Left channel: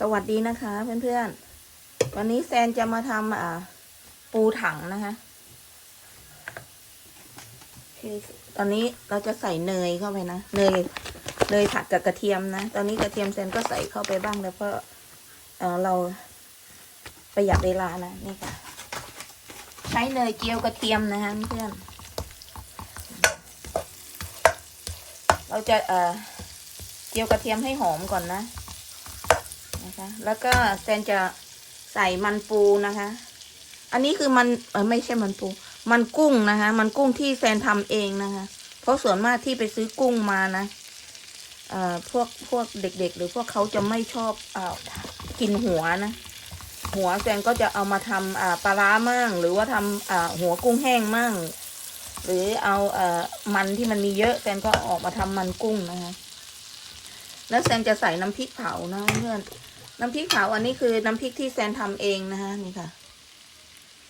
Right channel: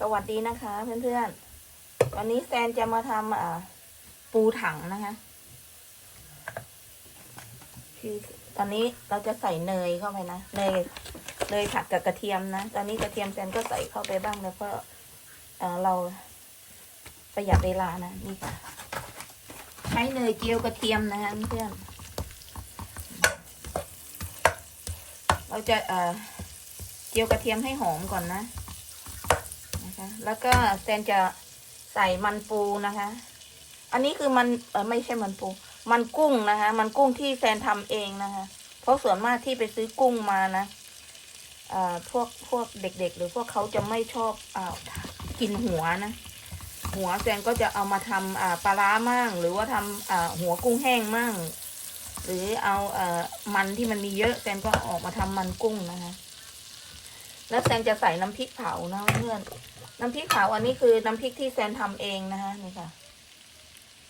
สวัสดีนะคะเพื่อนๆ วันนี้แซนจะมาทำอ่าปูถังนะคะคือตอนนี้เราจะใส่เนยเข้าไปนะ เนย เนยผัดกับกระเทียมนะ ตอนนี้กระเทียมแซนก็ใส่เข้าไปบ้างแล้วก็เออเราประหยัดเวลานะนี่ค่ะ ใช้เนยเจียวกระเทียมนะคะเพื่อนเราจะเอ่อเจียวกระเทียมให้หอมก่อนนะ แล้วก็แซนจะใส่มันปูนะคะ อันนี้คือมันเออไม่ใช่มันปู มันกุ้งนะคะ มันกุ้งที่แซนทำเองนะคะ เพราะส่วนมากที่ไปซื้อกุ้งมานะเอ่อพวกพวกเด็ก ๆ หรือพวกเขาจะไม่ชอบเอ่อกินหัวนะ หัวแซนก็จะเอามาทำอ่าปลาร้ามั่งหรือว่าทำอ่าหัวกุ้งแห้งมั่งหรือเอาเอ่อมันที่มันมีเยอะแซนก็ออกมาทำมันกุ้งนะคะแล้วแซนจะใส่น้ำพริกเผานะเพื่อน น้ำพริกเผาอันนี้คือน้ำพริกที่แซนทำเองนะคะนี่ค่ะ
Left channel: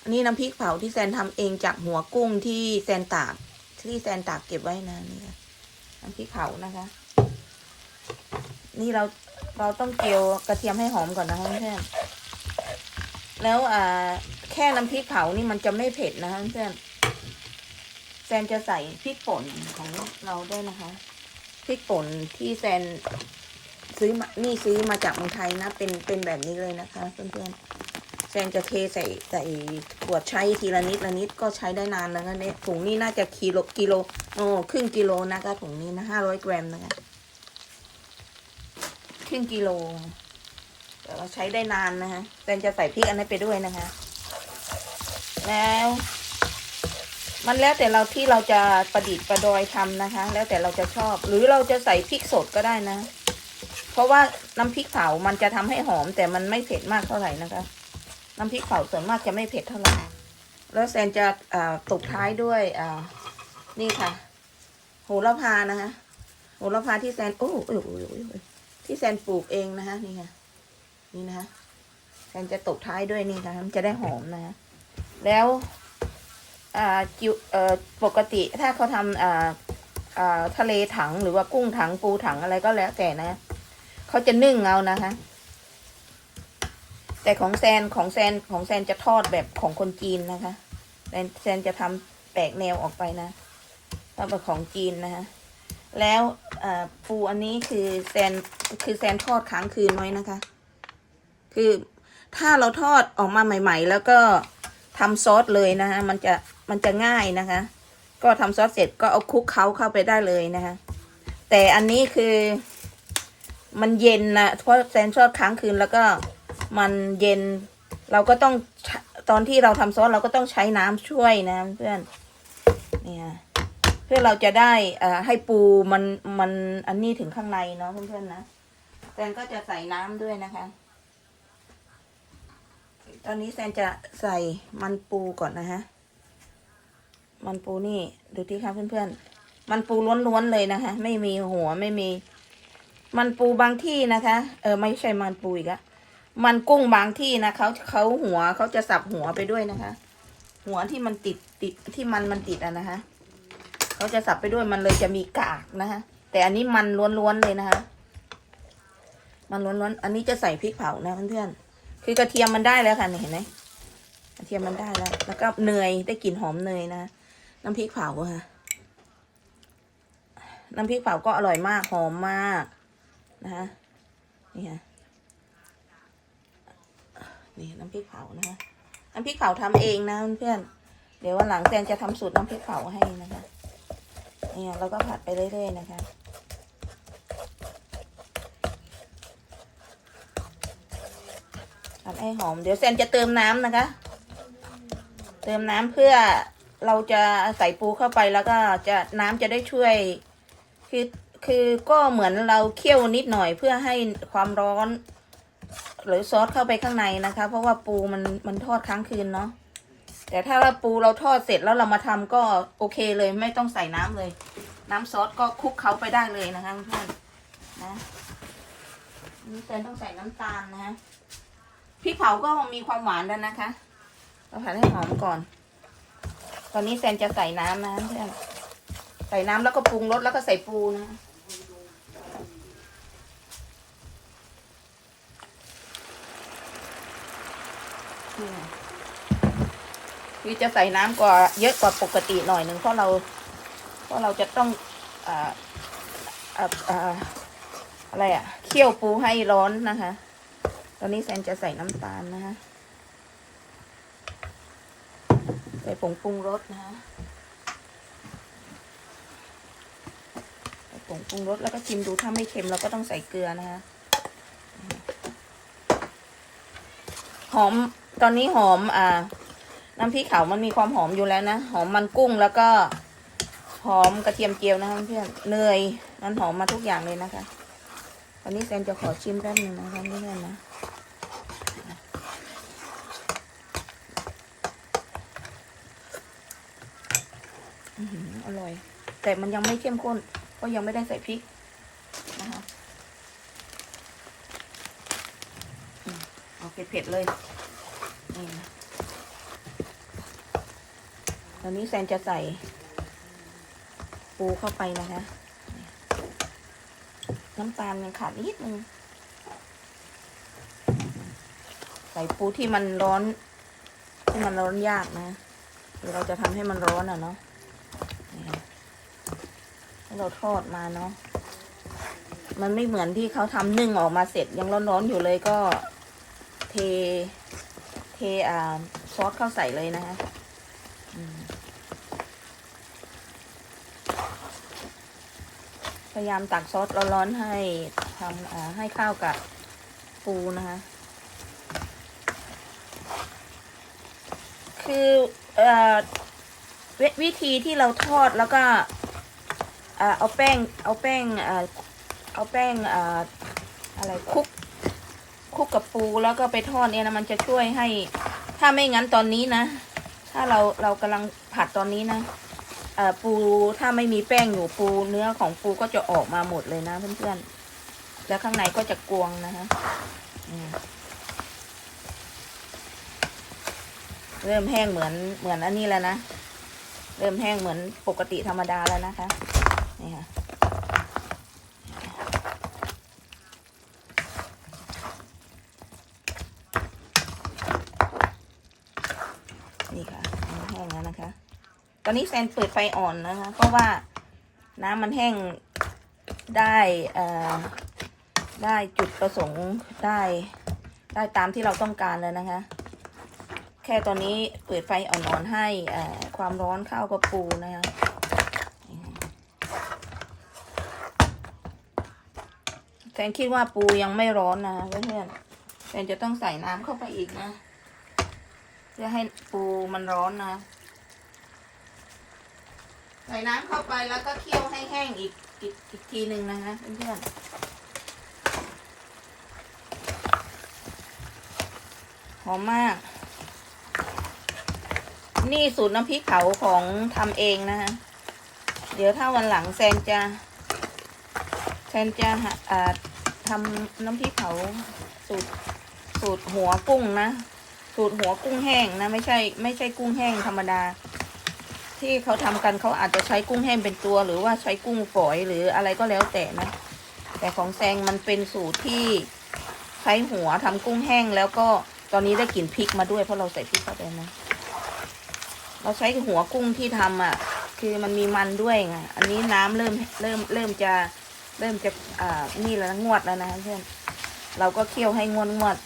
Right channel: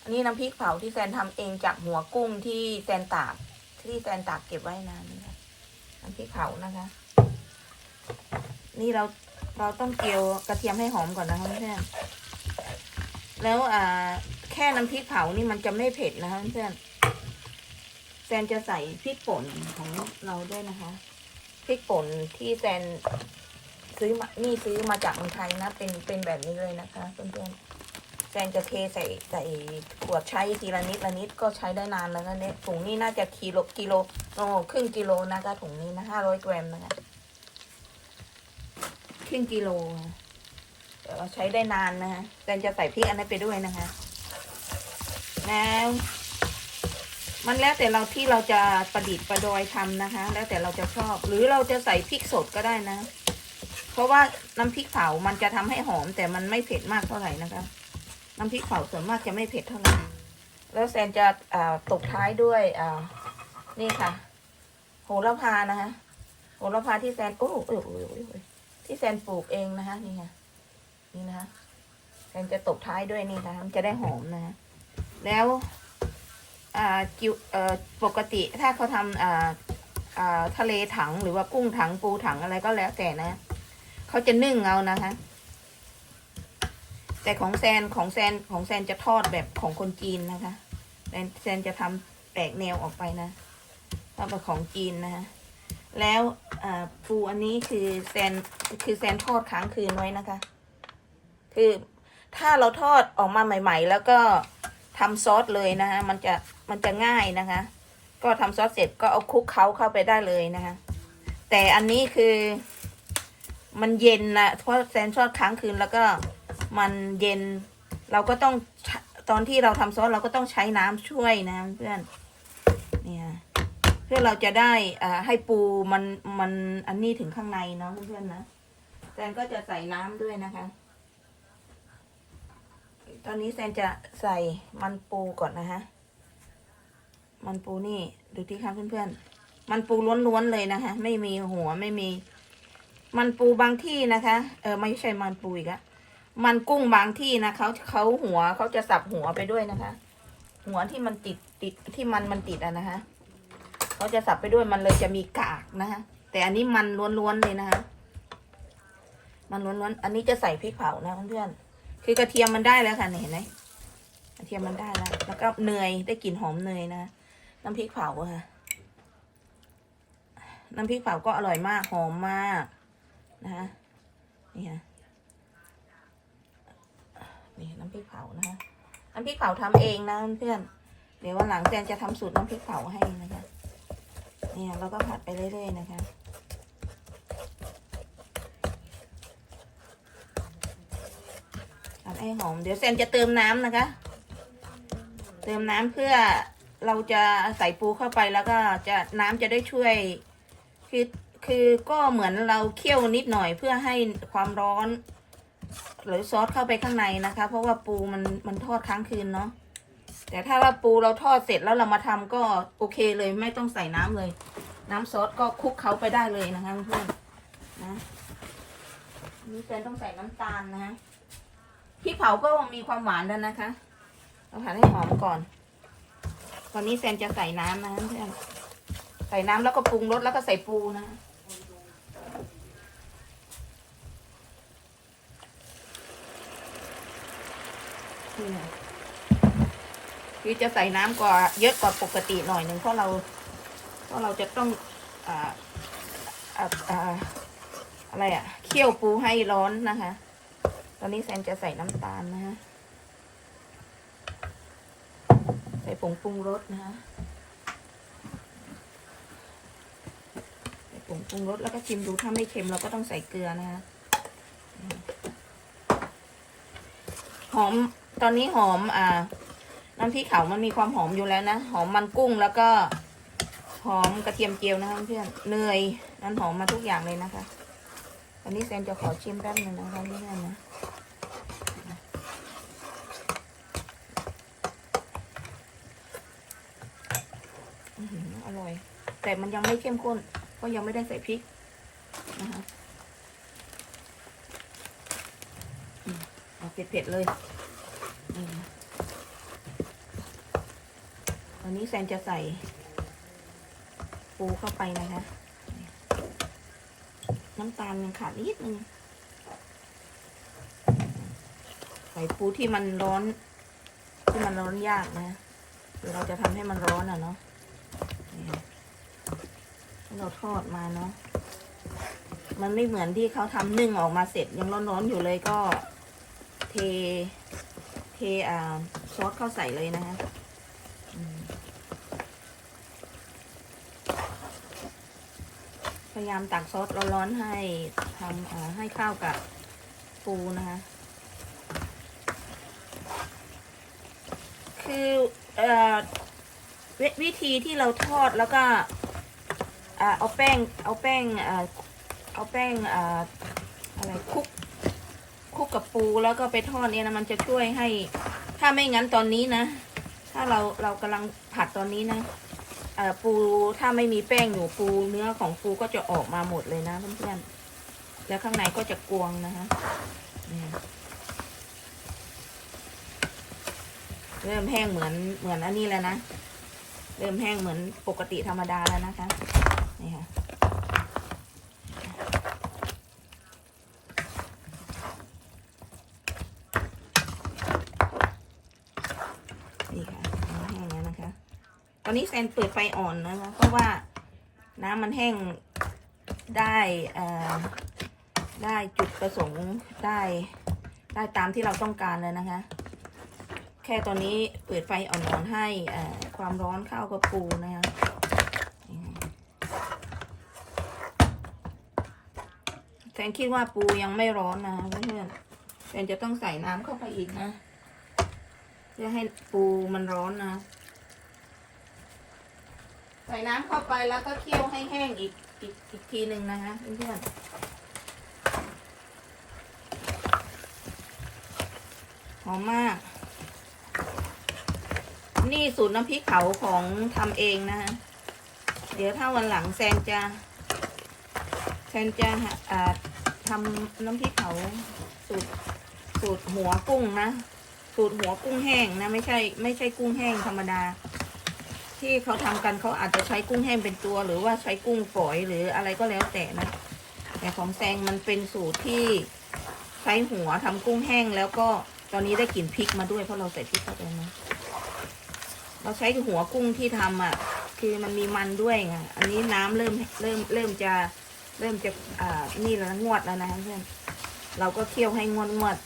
อันนี้น้ำพริกเผาที่แซนทำเองจากหัวกุ้งที่แซนตากที่แซนตากเก็บไว้นะนี่ค่ะน้ำพริกเผานะคะ นี่เราเราต้องเจียวกระเทียมให้หอมก่อนนะคะเพื่อนแล้วอ่าแค่น้ำพริกเผานี่มันจะไม่เผ็ดนะคะเพื่อนแซนจะใส่พริกป่นของเราด้วยนะคะพริกป่นที่แซน ซื้อมานี่ซื้อมาจากเมืองไทยนะ เป็นเป็นแบบนี้เลยนะคะเพื่อนๆแซนจะเทใส่ใส่ขวดใช้ทีละนิดละนิดก็ใช้ได้นานแล้วนะเนี่ยถุงนี้น่าจะกิโลกิโลโอ้ครึ่งกิโลนะคะถุงนี้นะห้าร้อยกรัมนะคะครึ่งกิโลเดี๋ยวเราใช้ได้นานนะคะแซนจะใส่พริกอันนี้ไปด้วยนะคะ แล้วมันแล้วแต่เราที่เราจะประดิษฐ์ประดอยทำนะคะ แล้วแต่เราจะชอบ หรือเราจะใส่พริกสดก็ได้นะ เพราะว่าน้ำพริกเผามันจะทำให้หอม แต่มันไม่เผ็ดมากเท่าไหร่นะคะ น้ำพริกเผาส่วนมากจะไม่เผ็ดเท่าไหร่ แล้วแซนจะตกท้ายด้วยนี่ค่ะโหระพานะคะโหระพาที่แซนโอ้โอ้โอ้โอ้ที่แซนปลูกเองนะคะนี่ค่ะนี่นะคะแซนจะตกท้ายด้วยนี่ค่ะมันจะได้หอมนะะแล้วอ่าจิวปกติถ้าเขาทำทะเลถังหรือว่ากุ้งถังปูถังอะไรก็แล้วแต่นะ เขาจะนึ่งเอานะคะ แต่ของแซนของแซนของแซนจะทอดแบบของคนจีนนะคะแซนแซนจะทำแปลกแนวออกไปนะทำแบบของจีนนะคะ แล้วปูอันนี้คือแซนคือแซนทอดค้างคืนไว้นะคะ คือถ้าเราทอดออกมาใหม่ ๆ แล้วก็ทำซอสเลยนะคะมันจะมันจะง่ายนะคะ ก็ทำซอสเสร็จก็เอาคลุกเคล้าเข้าไปได้เลยนะคะ แต่อันนี้คือ มันเย็นนะเพราะแซนชอบค้างคืนแล้วก็มันเย็น เราก็ต้องตอนที่เราทำซอสเราก็ต้องใช้น้ำช่วยนะเพื่อนเนี่ยเพื่อเราจะได้อ่าให้ปูมันมันอันนี้ถึงข้างในเนาะเพื่อนๆนะแซนก็จะใส่น้ำด้วยนะคะ ตอนนี้แซนจะใส่มันปูก่อนนะฮะมันปูนี่ดูที่ครับเพื่อนๆมันปูล้วนๆเลยนะคะ ไม่มีหัวไม่มี มันปูบางที่นะคะ เออไม่ใช่มันปูอีกอะมันกุ้งบางที่นะเขาเขาหัวเขาจะสับหัวไปด้วยนะคะ หัวที่มันติดติดที่มันมันติดอะนะคะเขาจะสับไปด้วยมันเลยจะมีกากนะคะแต่อันนี้มันล้วนๆเลยนะคะมันล้วนๆอันนี้จะใส่พริกเผานะเพื่อนๆคือกระเทียมมันได้แล้วค่ะเห็นไหมกระเทียมมันได้แล้วแล้วก็เนยได้กลิ่นหอมเนยนะน้ำพริกเผาค่ะน้ำพริกเผาก็อร่อยมากหอมมาก นะคะนี่ค่ะนี่น้ำพริกเผานะคะน้ำพริกเผาทำเองนะเพื่อนเดี๋ยววันหลังแซนจะทำสูตรน้ำพริกเผาให้นะคะเนี่ยแล้วก็ผัดไปเรื่อยๆนะคะผัดให้หอม เดี๋ยวแซนจะเติมน้ำนะคะ เติมน้ำเพื่อเราจะใส่ปูเข้าไปแล้วก็จะน้ำจะได้ช่วยคือ คือก็เหมือนเราเคี่ยวนิดหน่อยเพื่อให้ความร้อน หรือซอสเข้าไปข้างในนะคะ เพราะว่าปูมันมันทอดค้างคืนเนาะแต่ถ้าเราปูเราทอดเสร็จแล้วเรามาทำก็โอเคเลยไม่ต้องใส่น้ำเลย น้ำซอสก็คลุกเขาไปได้เลยนะคะเพื่อนนะนี่เซนต้องใส่น้ำตาลนะฮะพริกเผาก็มีความหวานแล้วนะคะเราผัดให้หอมก่อน ตอนนี้แซนจะใส่น้ำนะเพื่อนใส่น้ำแล้วก็ปรุงรสแล้วก็ใส่ปูนะ คือจะใส่น้ำกว่าเยอะกว่าปกติหน่อยหนึ่งเพราะเรา เพราะเราจะต้องอ่าอ่าอะไรอะเคี่ยวปูให้ร้อนนะคะ ตอนนี้แซนจะใส่น้ำตาลนะฮะใส่ผงปรุงรสนะฮะใส่ผงปรุงรสแล้วก็ชิมดูถ้าไม่เค็มเราก็ต้องใส่เกลือนะคะหอม ตอนนี้หอมอ่า น้ำพริกขาวมันมีความหอมอยู่แล้วนะ หอมมันกุ้งแล้วก็หอมกระเทียมเจียวนะคะเพื่อนเนยมันหอมมาทุกอย่างเลยนะคะอันนี้แซนจะขอชิมแป๊บนึงนะคะเพื่อนๆนะอร่อย แต่มันยังไม่เข้มข้นเพราะยังไม่ได้ใส่พริกนะคะเอาเผ็ดๆเลยนี่นะ ตอนนี้แซนจะใส่ปูเข้าไปนะคะ น้ำตาลมันขาดนิดนึง ใส่ปูที่มันร้อน ที่มันร้อนยากนะเราจะทำให้มันร้อนอะเนาะเราทอดมาเนาะ มันไม่เหมือนที่เขาทำนึ่งออกมาเสร็จยังร้อนๆอยู่เลยก็เท เทอ่าซอสเข้าใส่เลยนะฮะอืมพ ยายามตักซอสร้อนๆให้ทำให้ข้าวกับปูนะคะ คืออวิธีที่เราทอดแล้วก็เอาแป้งเอาแป้งเอาแป้งออะไรคลุกคลุกกับปูแล้วก็ไปทอดเนี่ยนะมันจะช่วยให้ ถ้าไม่งั้นตอนนี้นะ ถ้าเราเรากำลังผัดตอนนี้นะ ปูถ้าไม่มีแป้งอยู่ปูเนื้อของปูก็จะออกมาหมดเลยนะเพื่อนๆ แล้วข้างในก็จะกวงนะคะเริ่มแห้งเหมือนเหมือนอันนี้แล้วนะ เริ่มแห้งเหมือนปกติธรรมดาแล้วนะคะ นี่ค่ะ นี่ค่ะน้ำแห้งแล้วนะคะ ตอนนี้แซนเปิดไฟอ่อนนะคะ เพราะว่าน้ำมันแห้งได้ได้จุดประสงค์ได้ได้ตามที่เราต้องการเลยนะคะ แค่ตอนนี้เปิดไฟอ่อนๆให้ความร้อนเข้ากับปูนะคะแฟนคิดว่าปูยังไม่ร้อนนะเพื่อนๆแฟนจะต้องใส่น้ำเข้าไปอีกนะเพื่อให้ปูมันร้อนนะ ส่น้ำเข้าไปแล้วก็เคี่ยวให้แห้งอีกอีกอีกทีหนึ่งนะคะเพื่อนหอมมาก นี่สูตรน้ำพริกเผาของทำเองนะคะ เดี๋ยวถ้าวันหลังแซนจะแซนจะอ่าทำน้ำพริกเผาสูตรสูตรหัวกุ้งนะ สูตรหัวกุ้งแห้งนะ ไม่ใช่ ไม่ใช่กุ้งแห้งธรรมดา ที่เขาทำกันเขาอาจจะใช้กุ้งแห้งเป็นตัว หรือว่าใช้กุ้งฝอยหรืออะไรก็แล้วแต่นะแต่ของแซงมันเป็นสูตรที่ใช้หัวทำกุ้งแห้งแล้วก็ตอนนี้ได้กลิ่นพริกมาด้วยเพราะเราใส่พริกเข้าไปนะเราใช้หัวกุ้งที่ทำอะ คือมันมีมันด้วยไงอันนี้น้ำเริ่มเริ่มเริ่มจะเริ่มจะอ่านี่แล้วงวดแล้วนะเพื่อนเราก็เคี่ยวให้งวดงวด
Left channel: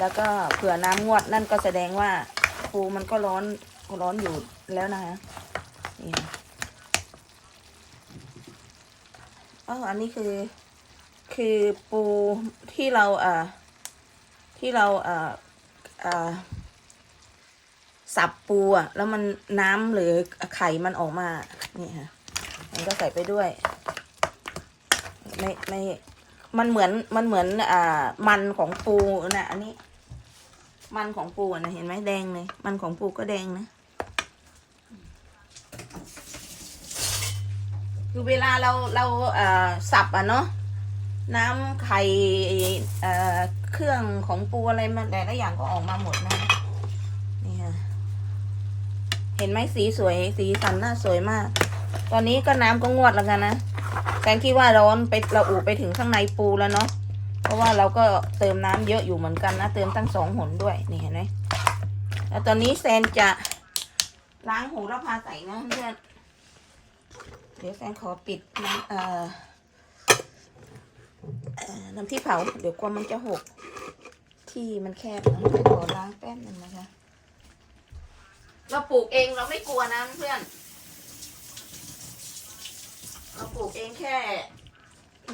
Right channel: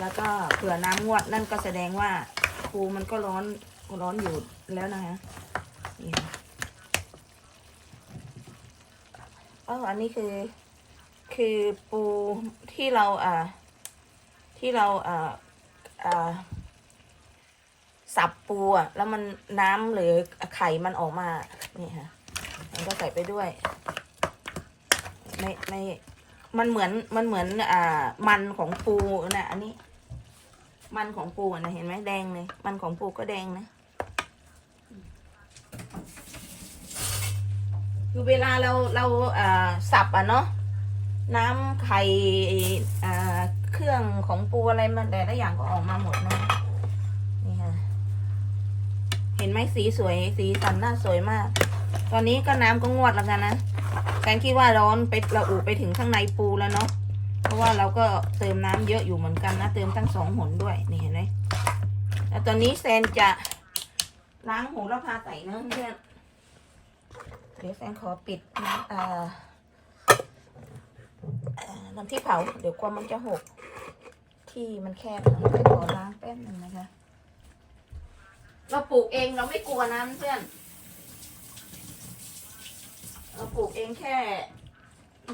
แล้วก็เผื่อน้ำงวดนั่นก็แสดงว่าปูมันก็ร้อน ร้อนอยู่แล้วนะคะนี่เอออันนี้คือ คือปูที่เราอ่า ที่เราอ่าอ่าสับปูอะ แล้วมันน้ำหรือไข่มันออกมานี่ค่ะมันก็ใส่ไปด้วยไม่ไม่มันเหมือนมันเหมือนอ่า มันของปูนะอันนี้ มันของปูนะเห็นไหมแดงเลยมันของปูก็แดงนะ คือเวลาเราเราสับอะเนาะน้ำไข่เครื่องของปูอะไรมันแต่ละอย่างก็ออกมาหมดนะนี่ค่ะเห็นไหมสีสวยสีสันน่าสวยมาก ตอนนี้ก็น้ำก็งวดแล้วกันนะแฟนคิดว่าร้อนไปเราอูไปถึงข้างในปูแล้วเนาะเพราะว่าเราก็เติมน้ำเยอะอยู่เหมือนกันนะเติมตั้งสองหนด้วยนี่เห็นไหมแล้วตอนนี้แซนจะล้างโหระพาใส่นะเพื่อน เดี๋ยวแซนขอปิดน้ำเอ่อน้ำที่เผา เดี๋ยวกลัวมันจะหก ที่มันแคบนะขอล้างแป๊บหนึงนะคะ เราปลูกเองเราไม่กลัวนะเพื่อน เราปลูกเองแค่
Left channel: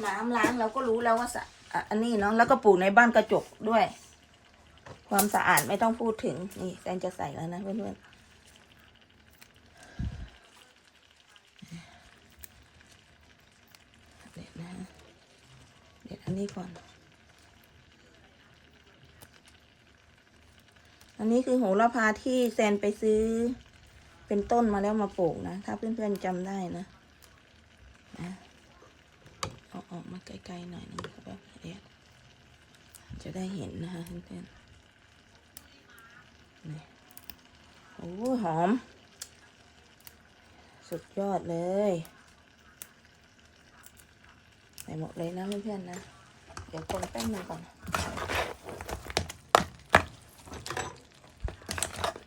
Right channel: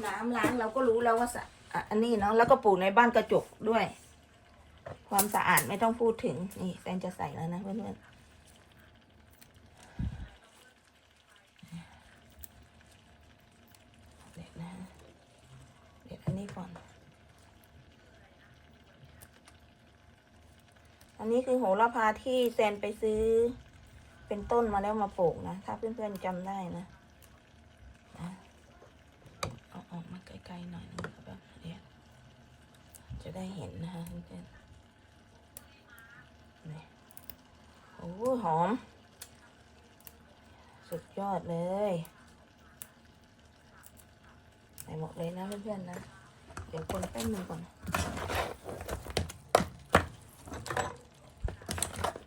น้ำล้างเราก็รู้แล้วว่าสะอะอันนี้เนาะแล้วก็ปลูกในบ้านกระจกด้วย ความสะอาดไม่ต้องพูดถึงนี่แฟนจะใส่แล้วนะเพื่อนๆเด็ดนะเด็ดอั นี้ก่อน อันนี้คือโหระพาที่แซนไปซื้อ เป็นต้นมาแล้วมาปลูกนะ ถ้าเพื่อนๆจำได้นะนะเอาออกมาไกลๆหน่อยนึงแบบเดี๋ยวจะได้เห็นนะคะเพื่อนๆนี่โอ้หอม สุดยอดเลยใส่หมดเลยนะเพื่อนๆนะ ดี๋ยวคนแป้งมือก่อน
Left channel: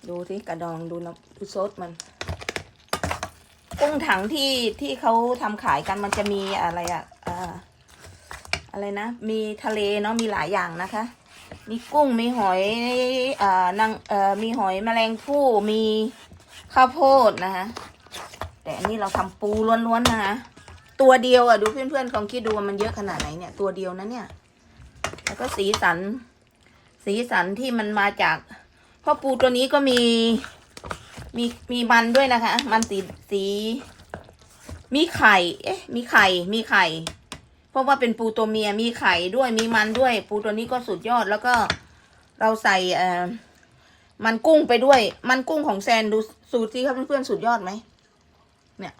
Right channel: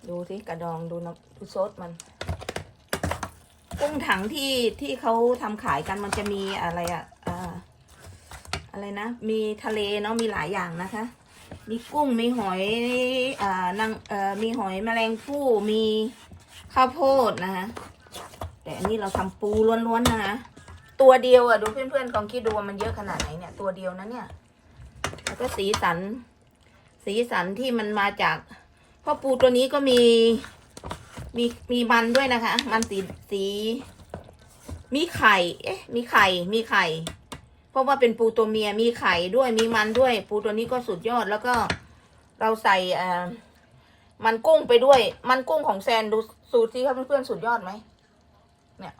ดูที่กระดองดูน้ำดูซดมันกุ้งถังที่ที่เขาทำขายกันมันจะมีอะไรอะอ่าอะไรนะ มีทะเลเนาะมีหลายอย่างนะคะ มีกุ้งมีหอยอ่านางเอ่อมีหอยแมลงภู่มีข้าวโพดนะคะแต่อันนี้เราทำปูล้วนๆนะคะ ตัวเดียวอะดูเพื่อนๆลองคิดดูมันเยอะขนาดไหนเนี่ย ตัวเดียวนะเนี่ยแล้วก็สีสัน สีสันที่มันมาจากพราะปูตัวนี้ก็มีมีมีมันด้วยนะคะ มันสีสี มีไข่ เอ๊ะ มีไข่ มีไข่ เพราะว่าเป็นปูตัวเมีย มีไข่ด้วยมีมันด้วย ปูตัวนี้ก็สุดยอดแล้วก็เราใส่เอ่อมันกุ้งไปด้วย มันกุ้งของแซนดูสูตรสิครับเพื่อนๆสุดยอดไหม เนี่ย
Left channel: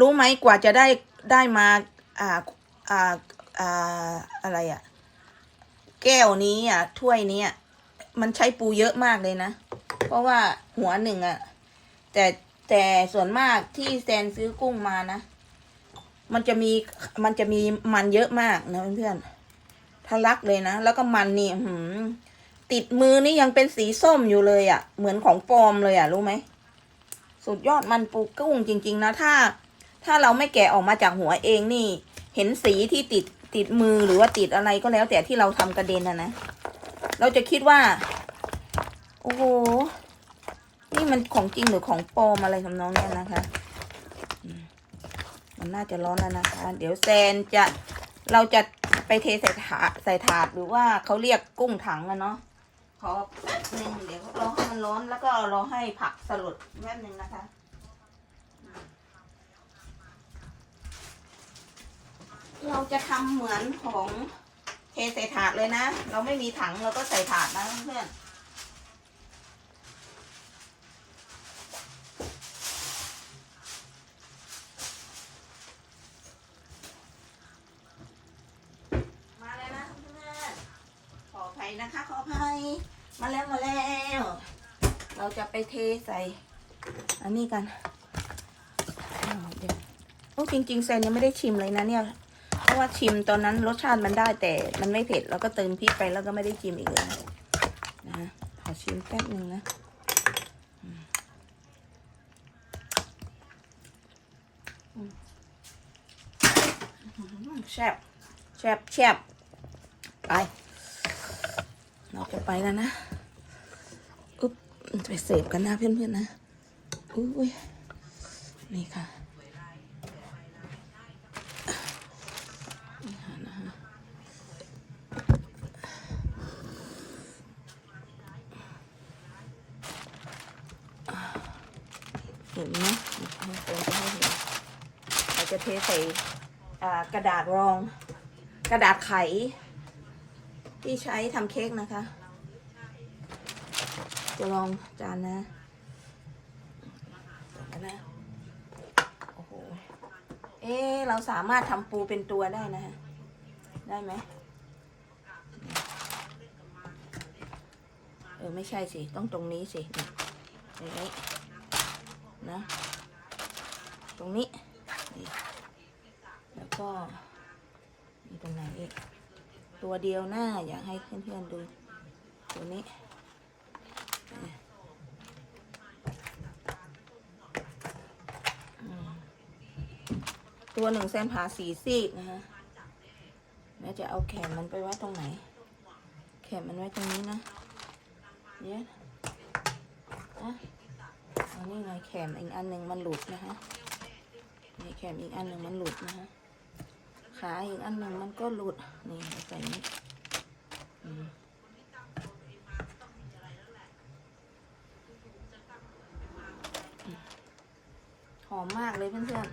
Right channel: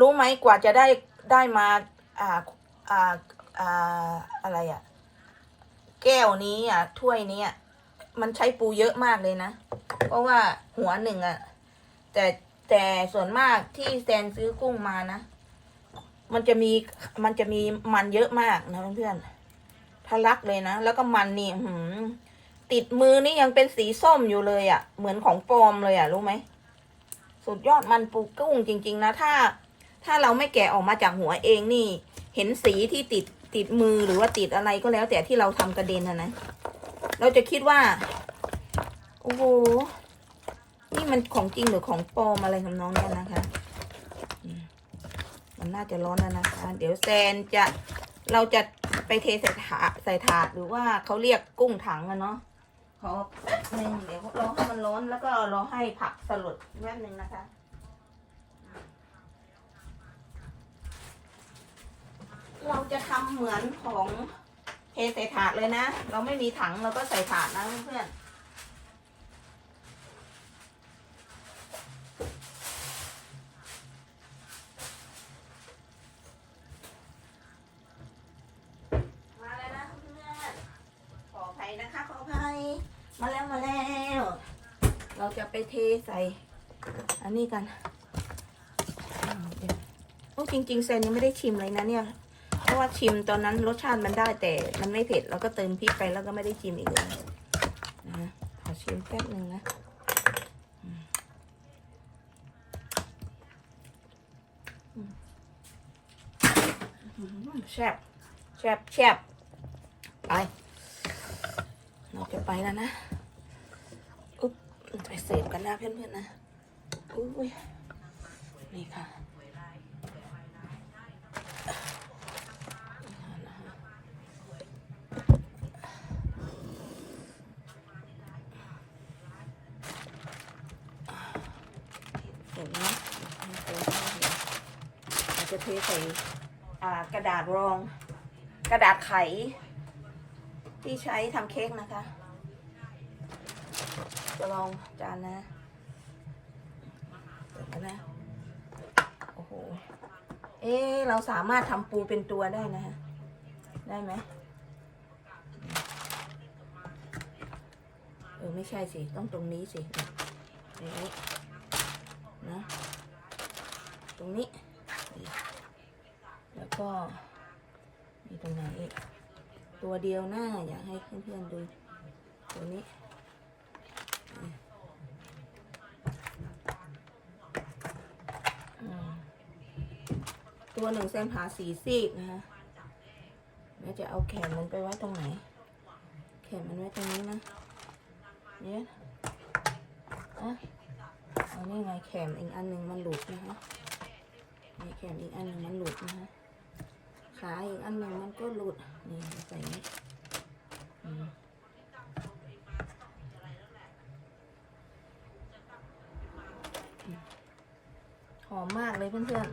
รู้ไหมกว่าจะได้ได้มาอ่าอ่าอ่าอะไรอะแก้วนี้อะถ้วยนี้อะมันใช้ปูเยอะมากเลยนะ เพราะว่าหัวหนึ่งอะ แต่แต่ส่วนมากที่แซนซื้อกุ้งมานะ มันจะมีมันจะมีมันเยอะมากนะเพื่อนทะลักเลยนะ แล้วก็มันนี่หืมติดมือนี่ยังเป็นสีส้มอยู่เลยอะ เหมือนของปลอมเลยอะ รู้ไหม สุดยอดมันปูกุ้งจริง ๆ นะ ถ้า ถ้าเราไม่แกะออกมาจากหัวเองนี่ เห็นสีที่ติดติดมือหรือว่าติดอะไรก็แล้วแต่ที่เราทำกระเด็นนะนะ เราจะคิดว่า โอ้โห นี่มันของจริงหรือของปลอมอะไรทำนองเนี้ยนะคะ มันน่าจะร้อนแล้วนะคะเดี๋ยวแซนจะเราจะไปเทใส่ถาดใส่ถาดหรือว่าเขาเรียกกุ้งถังอะเนาะขอแป๊บนึงเดี๋ยวรอให้มันร้อนแล้วก็รอให้ผักสลดแป๊บนึงนะคะ เราจะทำเหมือนของเทใส่ถาดเลยนะ เราไม่มีถังเราก็ใส่ถาดนะเพื่อนมาเลยนะเพื่อนขออภัยนะคะขออภัยมาแล้วมาแล้ว เราจะไปเทใส่ อันนี้กันอืมเดี๋ยวโอ้จริงๆแซนยังไม่ได้ชิมเลยนะเนี่ย ว่าชิมตอนนั้นรสชาติมันได้แต่มันไม่เผ็ดเราก็เติมพริกไปแล้วก็ไม่ได้ชิมอีกเลยนะขอชิมแป๊บนึงนะแซ่บแซ่บแซ่บไปเราจะไปแล้วนะอุ๊บไปเสิร์ฟกันนะเพื่อนๆนะอุ้ยนี่ค่ะ เห็นไหมเรา จะเทใส่กระดาษรอง กระดาษไข ที่ใช้ทำเค้กนะคะ จะลองจานนะเปิดแล้วนะโอ้โห เอ๊เราสามารถทำปูเป็นตัวได้นะฮะ ได้ไหมเออ ไม่ใช่สิ ต้องตรงนี้สิเนี่ยนี้นะ ตรงนี้ แล้วก็มีตรงไหนอีกตัวเดียวหน้าอยากให้เพื่อนๆดูตัวนี้ตัวหนึ่งเส้นผ่าสี่ซีกนะคะแม่จะเอาแขนมันไปไว้ตรงไหน แขนมันไว้ตรงนี้นะเนี่ยนะเอานี่ไงแขนอีกอันหนึ่งมันหลุดนะคะ แขนอีกอันหนึ่งมันหลุดนะคะขาอีกอันหนึ่งมันก็หลุด นี่ใส่นี้หอมมากเลยเพื่อน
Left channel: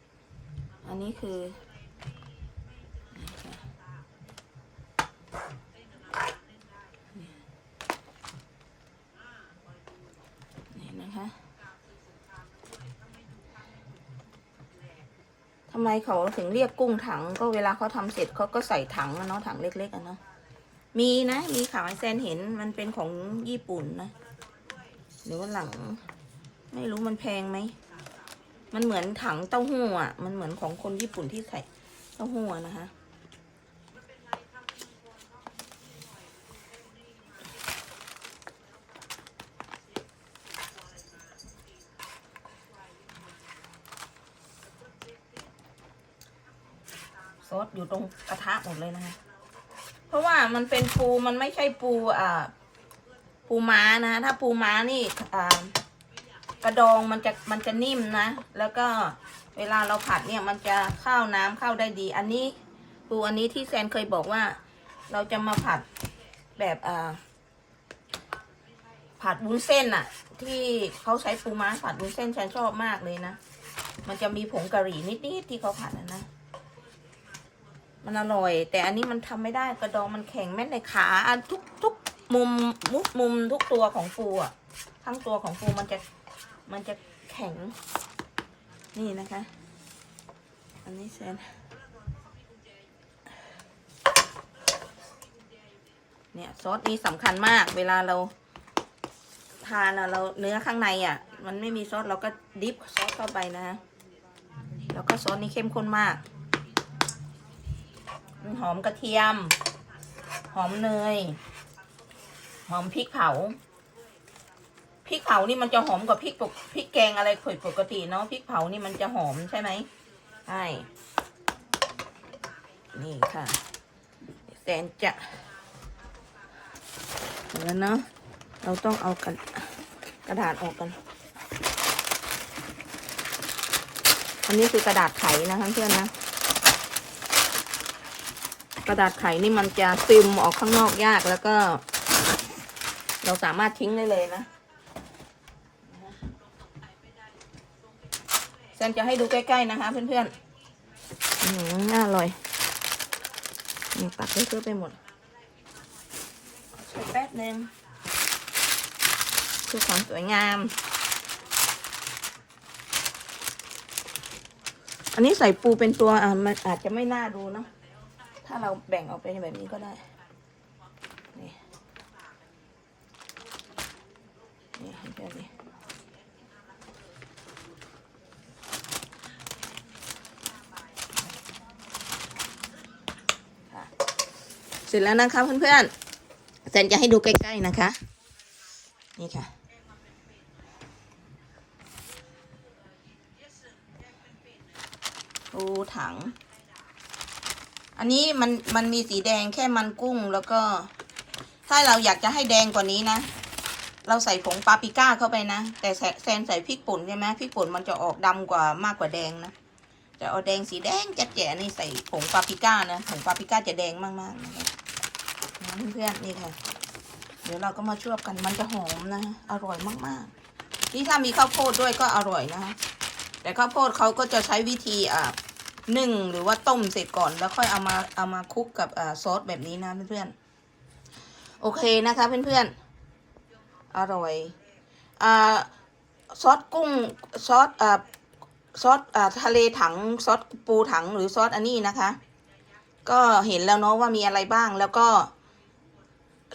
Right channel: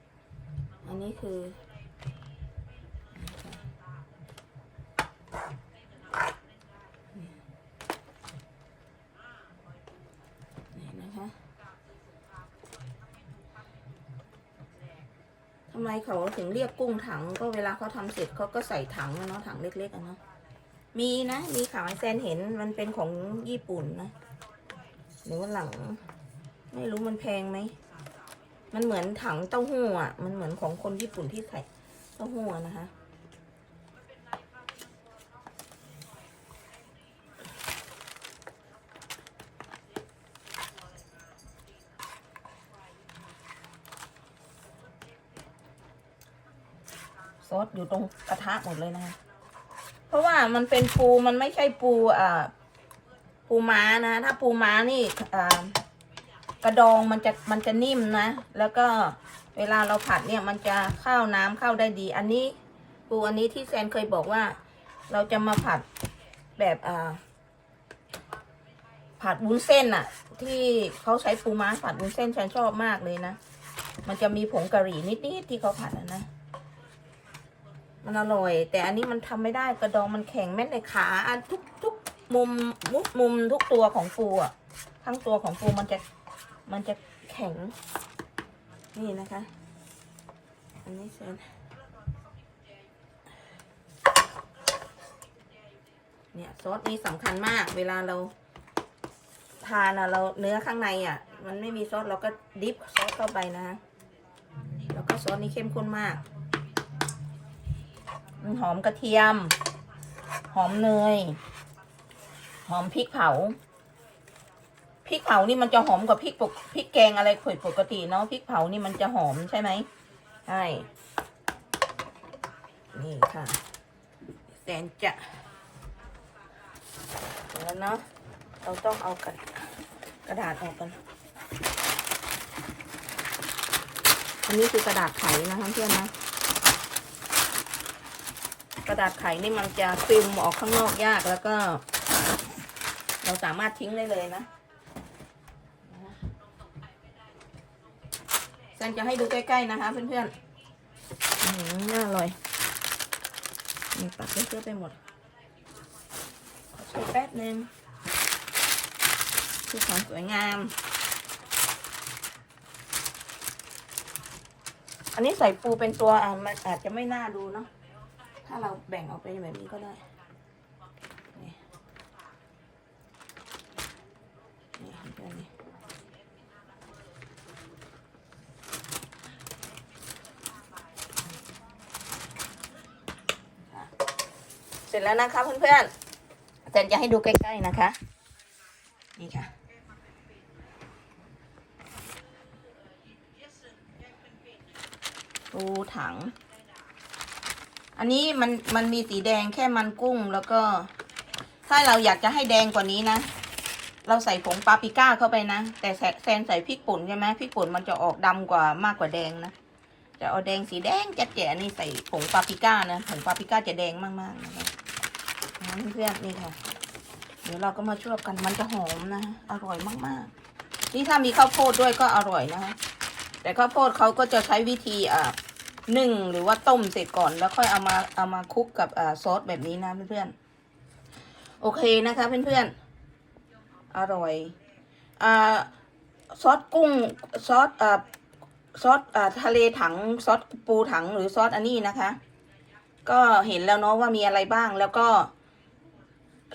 ๆ อันนี้คือนี่ค่ะนี่นะคะทำไมเขาถึงเรียกกุ้งถัง ก็เวลาเขาทำเสร็จเขาก็ใส่ถังมาเนาะถังเล็กๆอะเนาะมีนะ มีขายแซนเห็นมันเป็นของญี่ปุ่นนะหรือว่าหลัง ไม่รู้มันแพงไหมมันเหมือนถังเต้าหู้อะ มันเหมือนของคนญี่ปุ่นที่ใส่เต้าหู้นะคะ ซอสอยู่ตรงกระทะหมดเลยนะคะ เพราะว่ามันเป็นปูมันไม่ใช่ปูอ่าปูม้านะ ถ้าปูม้านี่อ่ากระดองมันจะมันจะนิ่มนะ แล้วก็เวลาเราผัดเนี่ยมันจะเข้าน้ำเข้าได้ดี อันนี้ปูอันนี้ที่แซนเคยบอกว่า เราจะมาผัดแบบอ่าผัดวุ้นเส้นอะที่เขาใช้ปูม้าผัดวุ้นเส้นฉันชอบมากเลยนะ มันจะมีผงกะหรี่นิดๆที่เขาผัดอะนะ มันอร่อย แต่อันนี้มันทำไม่ได้กระดองมันแข็งแม้แต่ขาอันทุกทุกมุมมุกมุมทุกตัวของปูอะทั้งตัวของปูมันจะมันจะแข็ง นี่นะคะ อันนี้เซนเนี่ยซอสนี้สำคัญมาก เวลาเราทานอะเราเนื้อข้างในอะ มันไม่มีซอสเราก็ดิฟซอสเข้าไปนะ แล้วก็ซอสนี้เข้มข้นมาก มันหอมกระเทียม หอมเนย หอมพริกเผา พริกเผานี่มันจะหอมกว่าพริกปกพริกแกงอะไรเผยปกติเนาะ พริกเผานี่มันจะหอมใช่ไหมใช่ นี่ค่ะแสนจะแล้วเนาะเราต้องเอากระกระดาษออกกันอันนี้คือกระดาษไขนะคะเพื่อนนะ ระดาษไขนี่มันจะซึมออกข้างนอกยากแล้วก็ เราสามารถทิ้งได้เลยนะแซนจะให้ดูใกล้ๆนะคะ เพื่อนๆอืมน่าอร่อยนี่ตักเพื่อไปหมดใช้แป๊บนึงเพื่อความสวยงาม อันนี้ใส่ปูเป็นตัวอะมันอาจจะไม่น่าดูเนาะ ถ้าเราแบ่งออกไปแบบนี้ก็ได้ นี่นี่ให้แบบนี้เสร็จแล้วนะคะเพื่อนๆเซนจะให้ดูใกล้ๆนะคะ นี่ค่ะ ปูถัง อันนี้มันมันมีสีแดงแค่มันกุ้งแล้วก็ ถ้าเราอยากจะให้แดงกว่านี้นะ เราใส่ผงปาปริก้าเข้าไปนะ แต่แซนใส่พริกป่นใช่ไหมพริกป่นมันจะออกดำกว่ามากกว่าแดงนะจะเอาแดงสีแดงแจ๋ๆนี่ใส่ผงปาปริก้านะผงปาปริก้าจะแดงมากๆนะคะนะเพื่อนๆนี่ค่ะ เดี๋ยวเราก็มาช่วยกันมันจะหอมนะอร่อยมากๆ นี่ถ้ามีข้าวโพดด้วยก็อร่อยนะคะแต่ข้าวโพดเขาก็จะใช้วิธีอ่า นึ่งหรือว่าต้มเสร็จก่อนแล้วค่อยเอามาเอามาคลุกกับอ่าซอสแบบนี้นะเพื่อนๆโอเคนะคะเพื่อนๆอร่อยอ่าซอสกุ้งซอสอ่าซอสอ่าทะเลถังซอสปูถังหรือซอสอันนี้นะคะ ก็เห็นแล้วเนาะว่ามีอะไรบ้างแล้วก็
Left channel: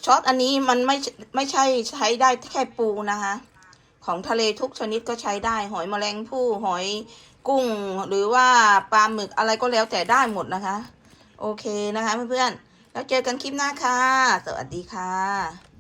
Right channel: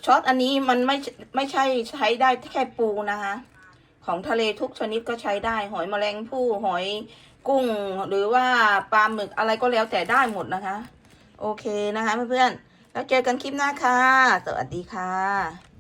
ซอสอันนี้มันไม่ไม่ใช่ใช้ได้แค่ปูนะคะ ของทะเลทุกชนิดก็ใช้ได้หอยแมลงภู่หอย กุ้งหรือว่าปลาหมึกอะไรก็แล้วแต่ได้หมดนะคะ โอเคนะคะเพื่อนๆแล้วเจอกันคลิปหน้าค่ะ สวัสดีค่ะ